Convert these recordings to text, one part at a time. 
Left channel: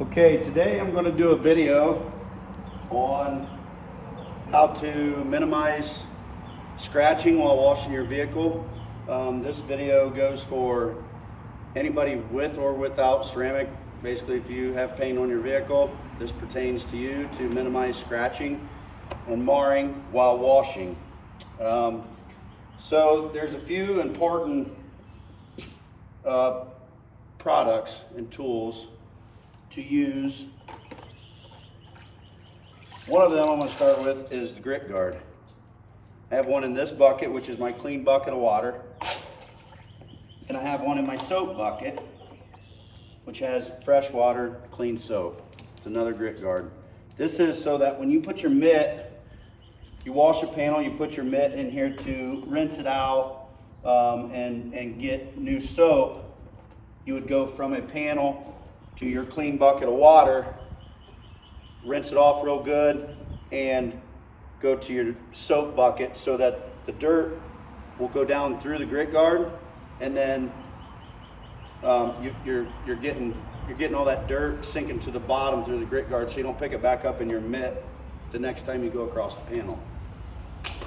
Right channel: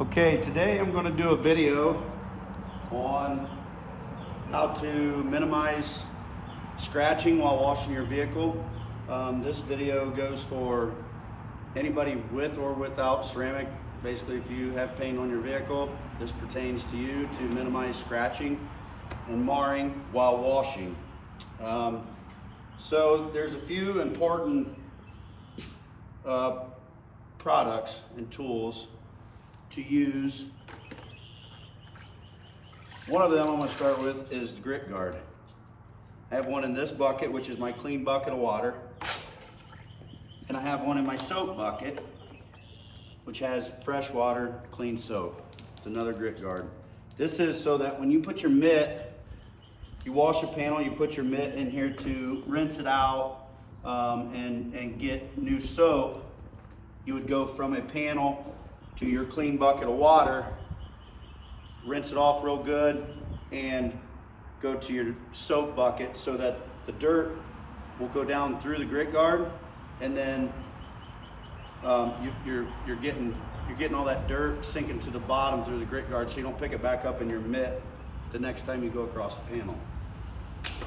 Okay, today I'm going to do a video on how to minimize scratching while washing your vehicle. This video goes for anybody with or without ceramic. Basically, if you have paint on your vehicle, this pertains to you to minimize scratching and marring while washing. So there's a few important products and tools to use. One of them I'm going to start with is the grit guard. I have one in this bucket, which is my clean bucket of water, and I have one in my soap bucket, which has fresh water, clean soap. It's another grit guard. This is so that when you put your mitt, you wash a panel, you put your mitt in here to rinse it out and get new soap. You would go from a panel to your clean bucket of water, rinse it off real good, and go to your soap bucket so that the dirt will go down through the grit guard, and then you're getting all that dirt sinking to the bottom through the grit guard, so you don't pick it back up in your mitt the next time you go across the panel.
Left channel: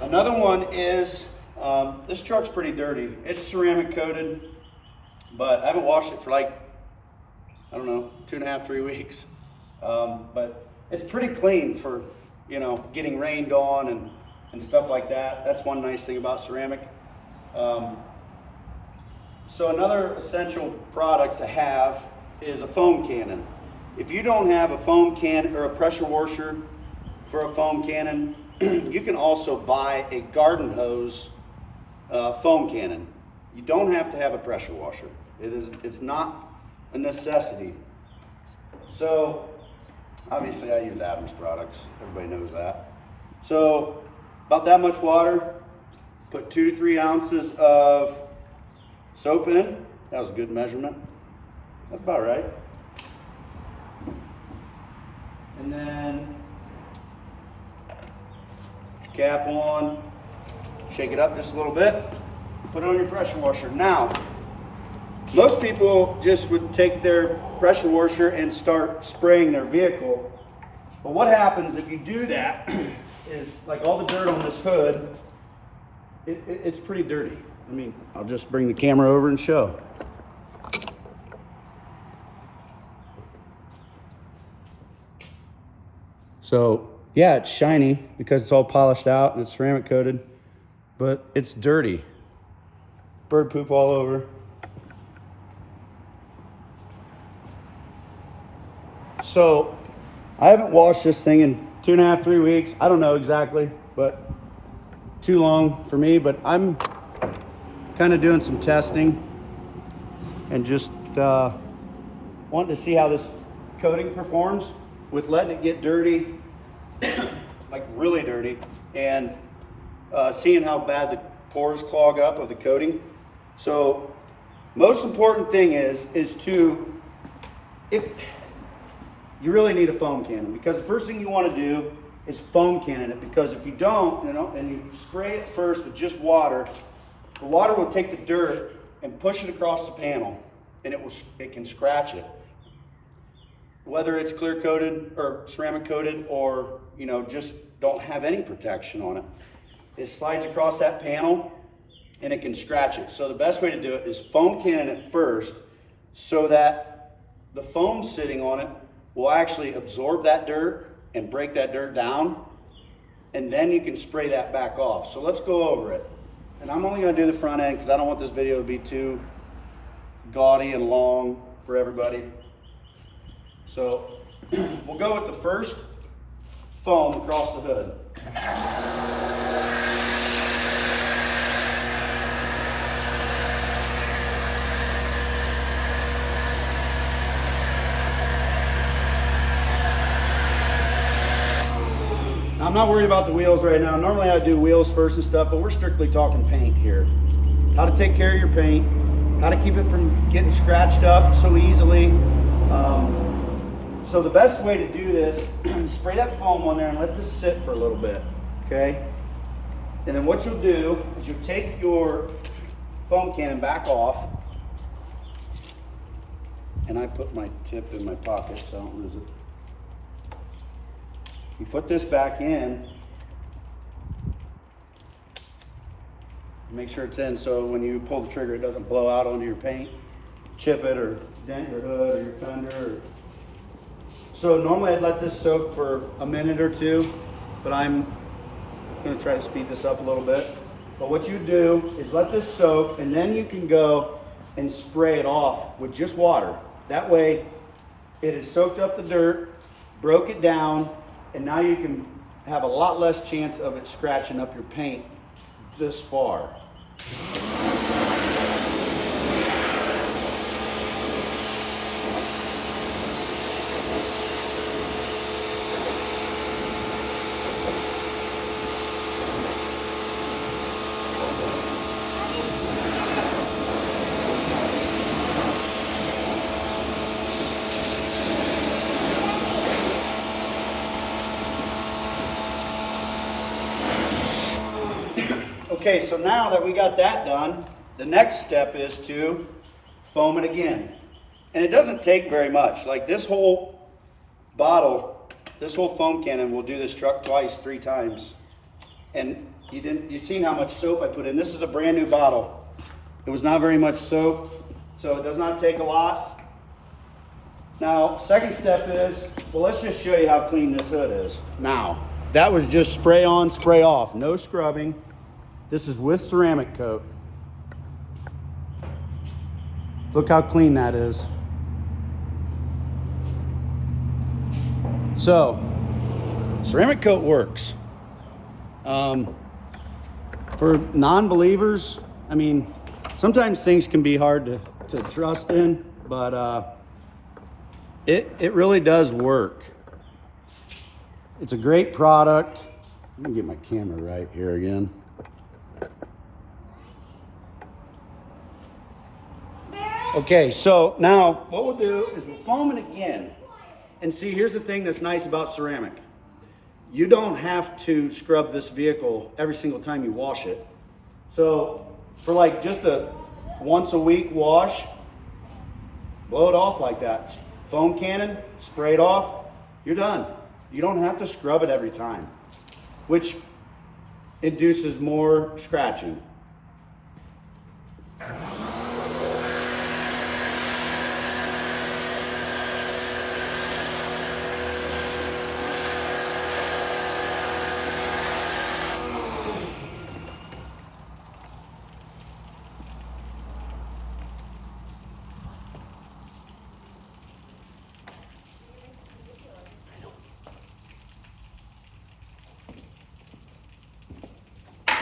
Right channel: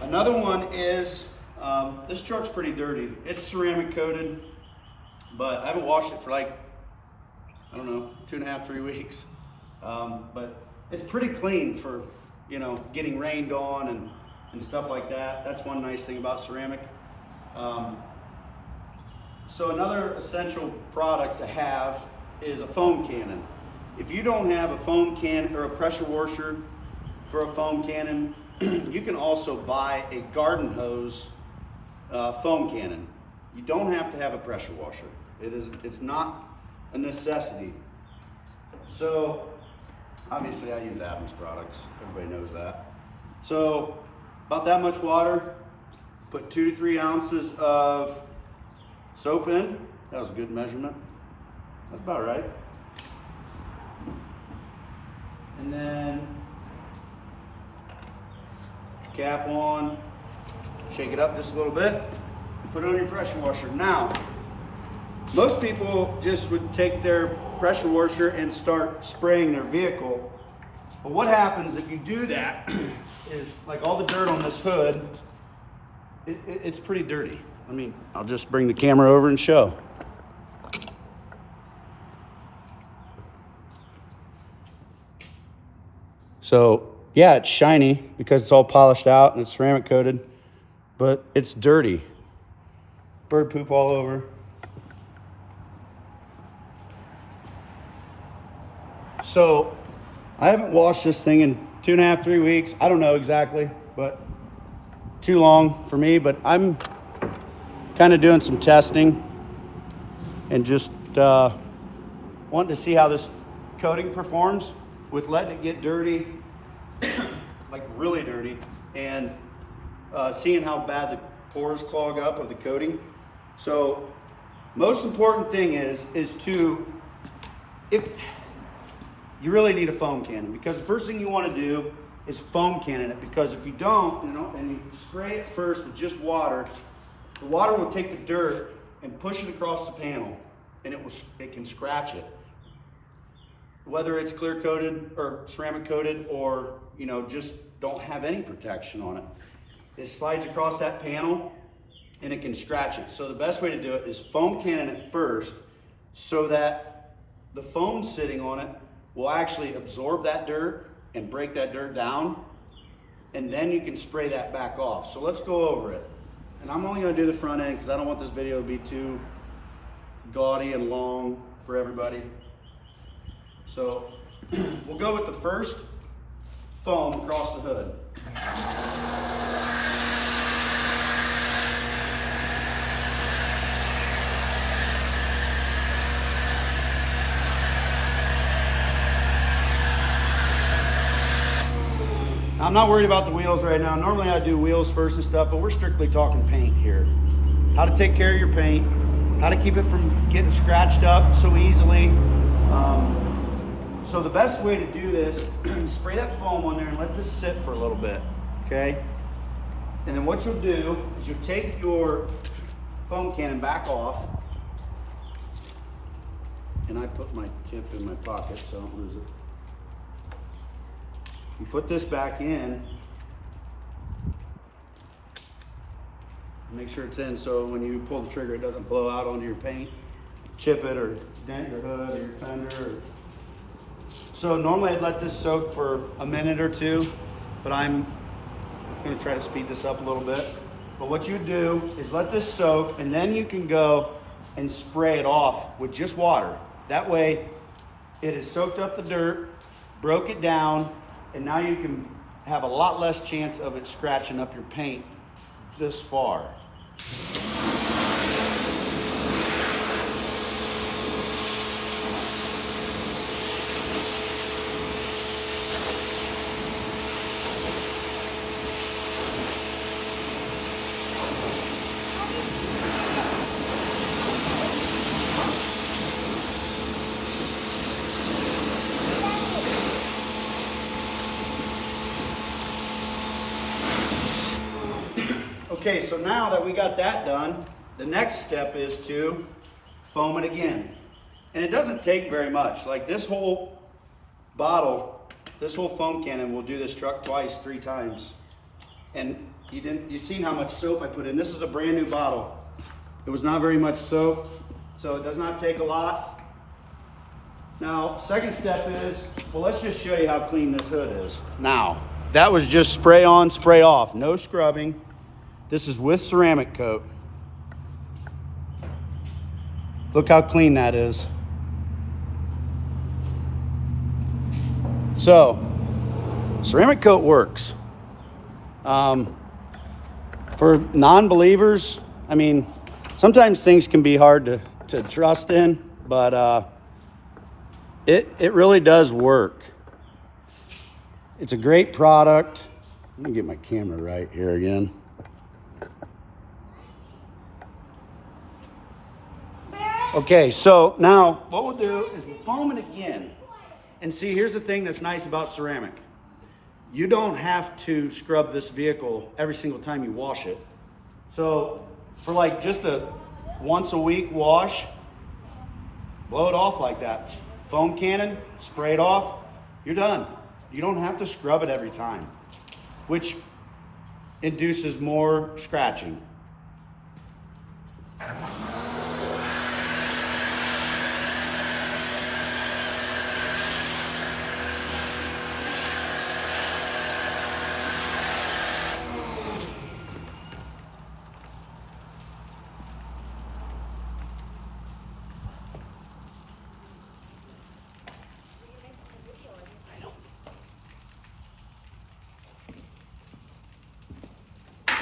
Another one is this truck's pretty dirty. It's ceramic coated, but I haven't washed it for like, I don't know, 2.5, 3 weeks. But it's pretty clean for, getting rained on and stuff like that. That's one nice thing about ceramic. So another essential product to have is a foam cannon. If you don't have a foam cannon or a pressure washer for a foam cannon, you can also buy a garden hose foam cannon. You don't have to have a pressure washer. It's not a necessity. So obviously I use Adams products. Everybody knows that. So about that much water, put 2 to 3 ounces of soap in. That was a good measurement. That's about right. And then put your cap on, shake it up just a little bit, put it on your pressure washer. Now, most people just would take their pressure washer and start spraying their vehicle. But what happens if you do that is, like, all the dirt on this hood, it's pretty dirty. I mean, I'll just bring the camera over and show. So yeah, it's shiny because it's all polished out and it's ceramic coated, but it's dirty. Bird poop all over. So I haven't washed this thing in 2.5, 3 weeks. I don't know exactly, but too long for me. But I'm kind of doing some testing and just wanting to see how this coating performs with letting it get dirty, like really dirty, and seeing how bad the pores clog up of the coating. So most important thing is if you really need a foam cannon, because the first thing you want to do is foam cannon it, because if you don't, and you spray it first with just water, the water will take the dirt and push it across the panel, and it can scratch it. Whether it's clear coated or ceramic coated, or just don't have any protection on it, it slides across that panel and it can scratch it. So the best way to do it is foam cannon it first, so that the foam sitting on it will actually absorb that dirt and break that dirt down, and then you can spray that back off. So let's go over it. And I'm only going to do the front end because I don't want this video to be too gaudy and long for everybody. So we'll go with the first foam across the hood. I'm not worried about the wheels right now. Normally I do wheels first and stuff, but we're strictly talking paint here. How to take care of your paint, how to keep it from getting scratched up so easily. So the best way to do this, spray that foam on there and let this sit for a little bit, okay? And then what you'll do is you'll take your foam cannon back off, And I put my tip in my pocket so I don't lose it. You put this back in. Make sure it's in so when you pull the trigger it doesn't blow out onto your paint, chip it or dent your hood or your fender. So normally I'd let this soak for a minute or two, but I'm gonna try to speed this up a little bit. But what you do is let this soak and then you can go and spray it off with just water. That way it has soaked up the dirt, broke it down, and now you can have a lot less chance of it scratching up your paint this far. Okay, so now that we got that done, the next step is to foam it again. And it doesn't take very much. Like this whole bottle, this whole foam cannon will do this truck twice, 3 times. And you've seen how much soap I put in. This is a brand new bottle. It was not very much soap, so it does not take a lot. Now, second step is, well, let's just show you how clean this hood is. Now, that was just spray on, spray off, no scrubbing. This is with ceramic coat. Look how clean that is. So, ceramic coat works. For non-believers, I mean, sometimes things can be hard to trust in, but it really does work. It's a great product. Let me get my camera right here again. Okay, so now what we'll do is we'll foam it again. And see, here's the thing that's nice about ceramic. You don't have to scrub this vehicle every single time you wash it. So for like just a once a week wash, blow it off like that. Foam cannon, spray it off, you're done. You don't have to scrub it every time, which induces more scratching.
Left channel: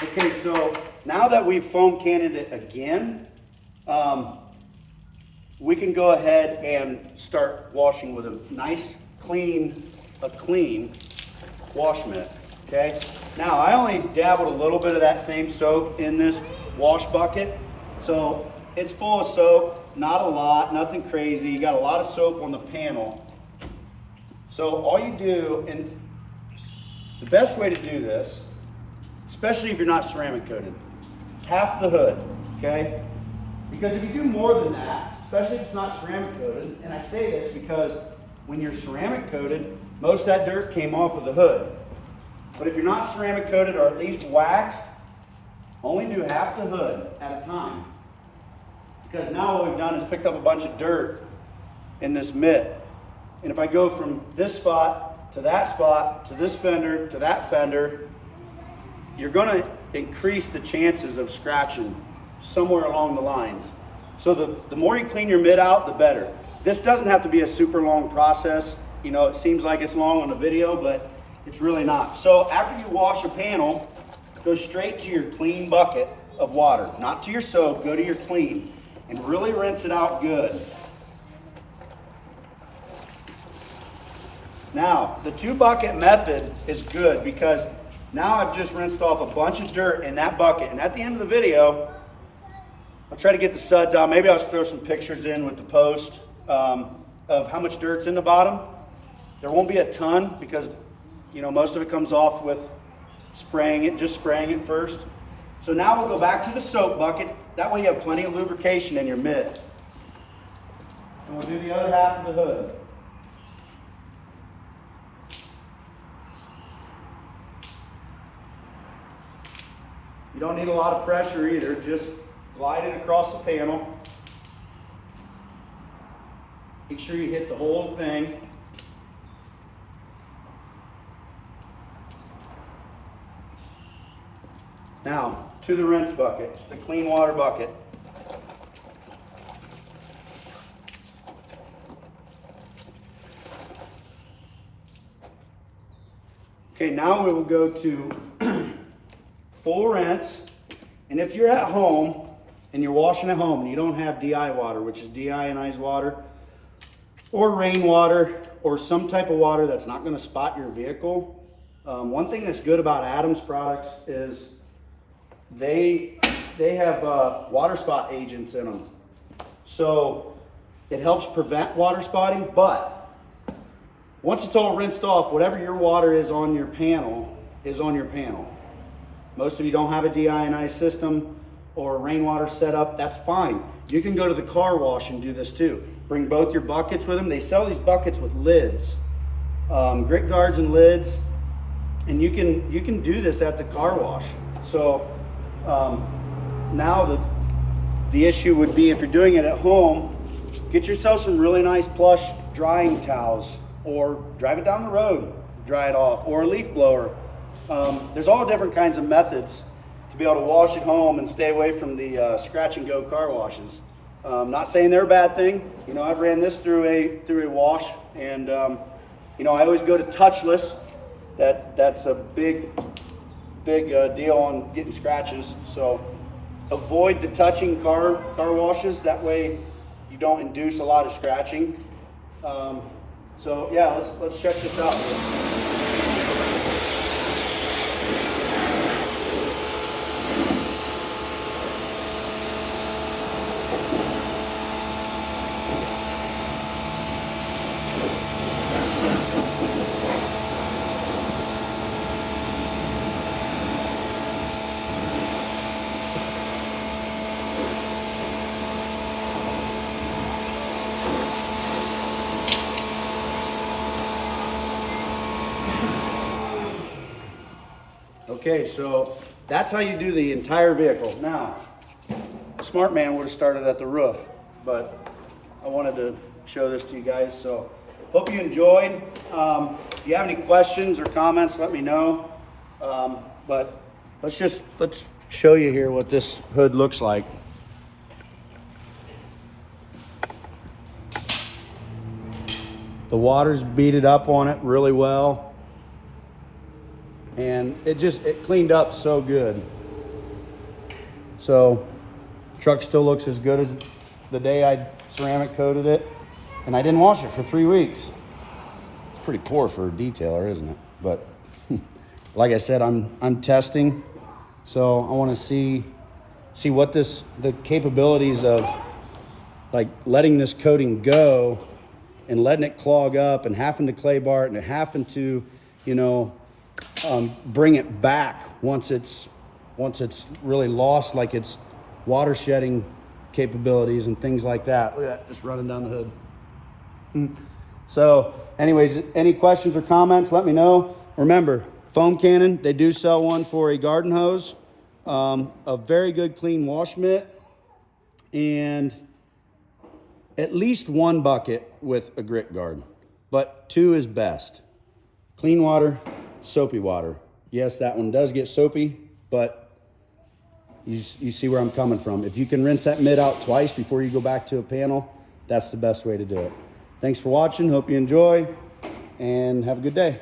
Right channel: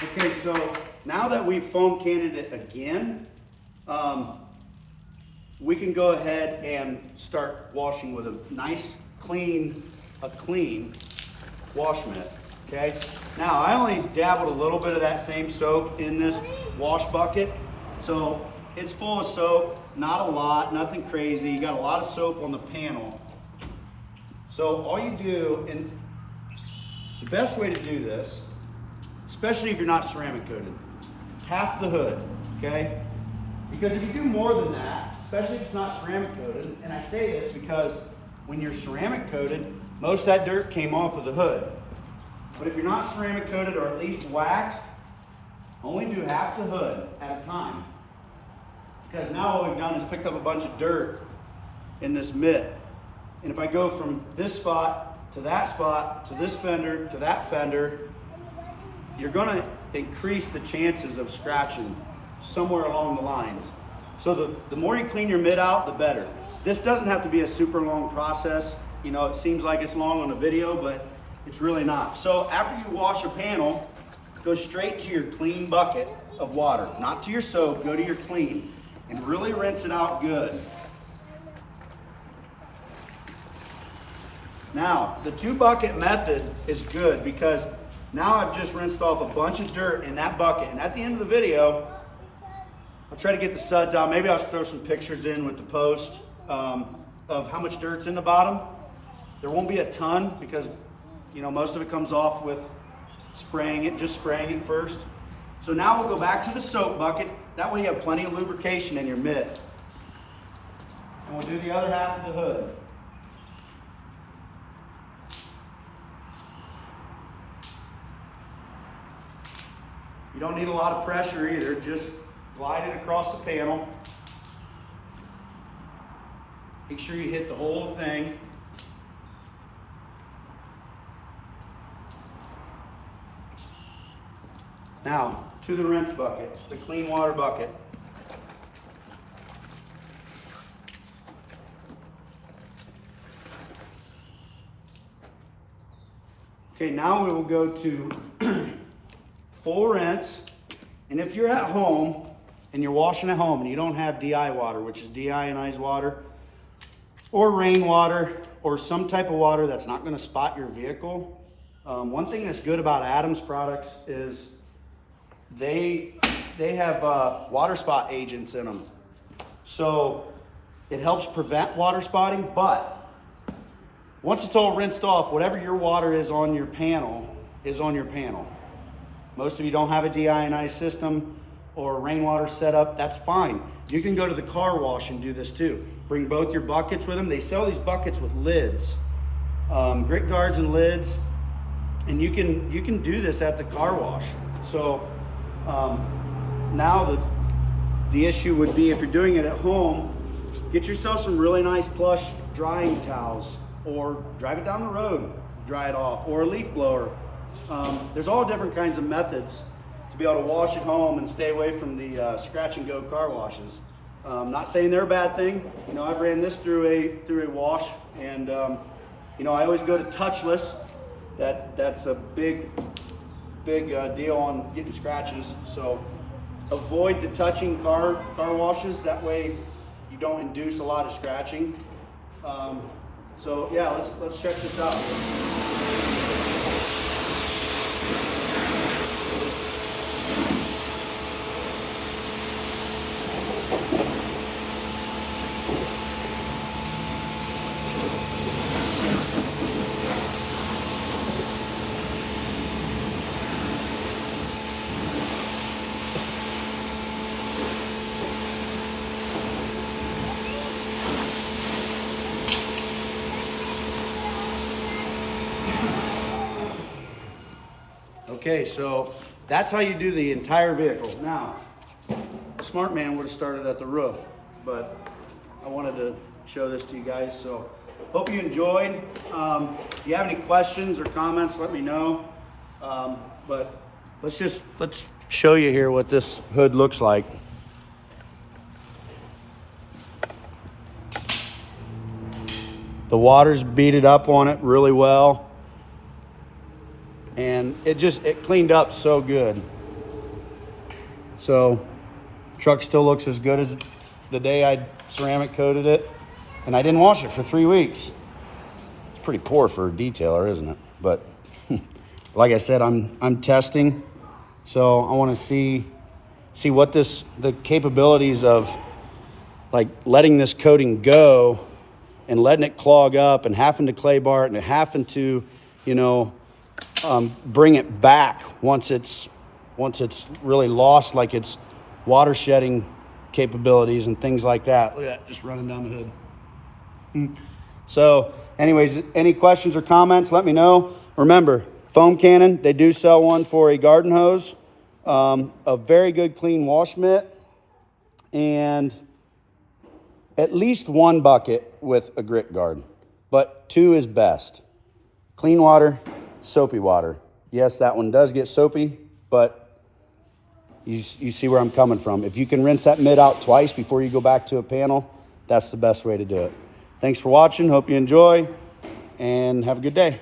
Okay, so now that we've foam cannoned it again, we can go ahead and start washing with a nice, clean wash mitt, okay? Now, I only dabbled a little bit of that same soap in this wash bucket, so it's full of soap, not a lot, nothing crazy. You got a lot of soap on the panel. So all you do, and the best way to do this, especially if you're not ceramic coated, half the hood, okay? Because if you do more than that, especially if it's not ceramic coated, and I say this because when you're ceramic coated, most of that dirt came off of the hood. But if you're not ceramic coated or at least waxed, only do half the hood at a time. Because now what we've done is picked up a bunch of dirt in this mitt. And if I go from this spot to this fender to that fender, you're going to increase the chances of scratching somewhere along the lines. So the more you clean your mitt out, the better. This doesn't have to be a super long process. You know, it seems like it's long on the video, but it's really not. So after you wash a panel, go straight to your clean bucket of water. Not to your soap, go to your clean. And really rinse it out good. Now, the 2-bucket method is good because now I've just rinsed off a bunch of dirt in that bucket. And at the end of the video, I'll try to get the suds out. Maybe I'll throw some pictures in with the post of how much dirt's in the bottom. There won't be a ton because, you know, most of it comes off with spraying it first. So now we'll go back to the soap bucket. That way you have plenty of lubrication in your mitt. And we'll do the other half of the hood. You don't need a lot of pressure either, just glide it across the panel. Make sure you hit the whole thing. Now, to the rinse bucket, the clean water bucket. Okay, now we will go to full rinse. And if you're at home and you're washing at home and you don't have DI water, which is deionized water, or rainwater, or some type of water that's not going to spot your vehicle, one thing that's good about Adams products is they have water spot agents in them. So it helps prevent water spotting, but once it's all rinsed off, whatever your water is on your panel is on your panel. Most of you don't have a deionized system or rainwater setup, that's fine. You can go to the car wash and do this too. Bring both your buckets with them. They sell these buckets with lids, grit guards and lids, and you can do this at the car wash. So now the issue would be, if you're doing it at home, get yourself some really nice plush drying towels, or drive it down the road, dry it off, or a leaf blower. There's all different kinds of methods to be able to wash at home and stay away from the scratch and go car washes. Not saying they're a bad thing. You know, I've ran this through a wash, and you know, I always go to touchless. That's a big deal on getting scratches. So avoid the touching car washes. That way you don't induce a lot of scratching. So yeah, let's check this out. Okay, so that's how you do the entire vehicle. Now, a smart man would have started at the roof, but I wanted to show this to you guys. So hope you enjoyed. If you have any questions or comments, let me know. But let's show you here what this hood looks like. The water's beaded up on it really well. And it cleaned up so good. So truck still looks as good as the day I ceramic coated it, and I didn't wash it for 3 weeks. It's pretty poor for a detailer, isn't it? But like I said, I'm testing, so I want to see what the capabilities of like letting this coating go and letting it clog up and having to clay bar it and having to, you know, bring it back once it's really lost like its water shedding capabilities and things like that. Look at that, just running down the hood. So anyways, any questions or comments, let me know. Remember, foam cannon, they do sell one for a garden hose, a very good clean wash mitt, and at least one bucket with a grit guard, but 2 is best. Clean water, soapy water. Yes, that one does get soapy, but you see where I'm coming from. If you can rinse that mitt out twice before you go back to a panel, that's the best way to do it. Thanks for watching. Hope you enjoy, and have a good day.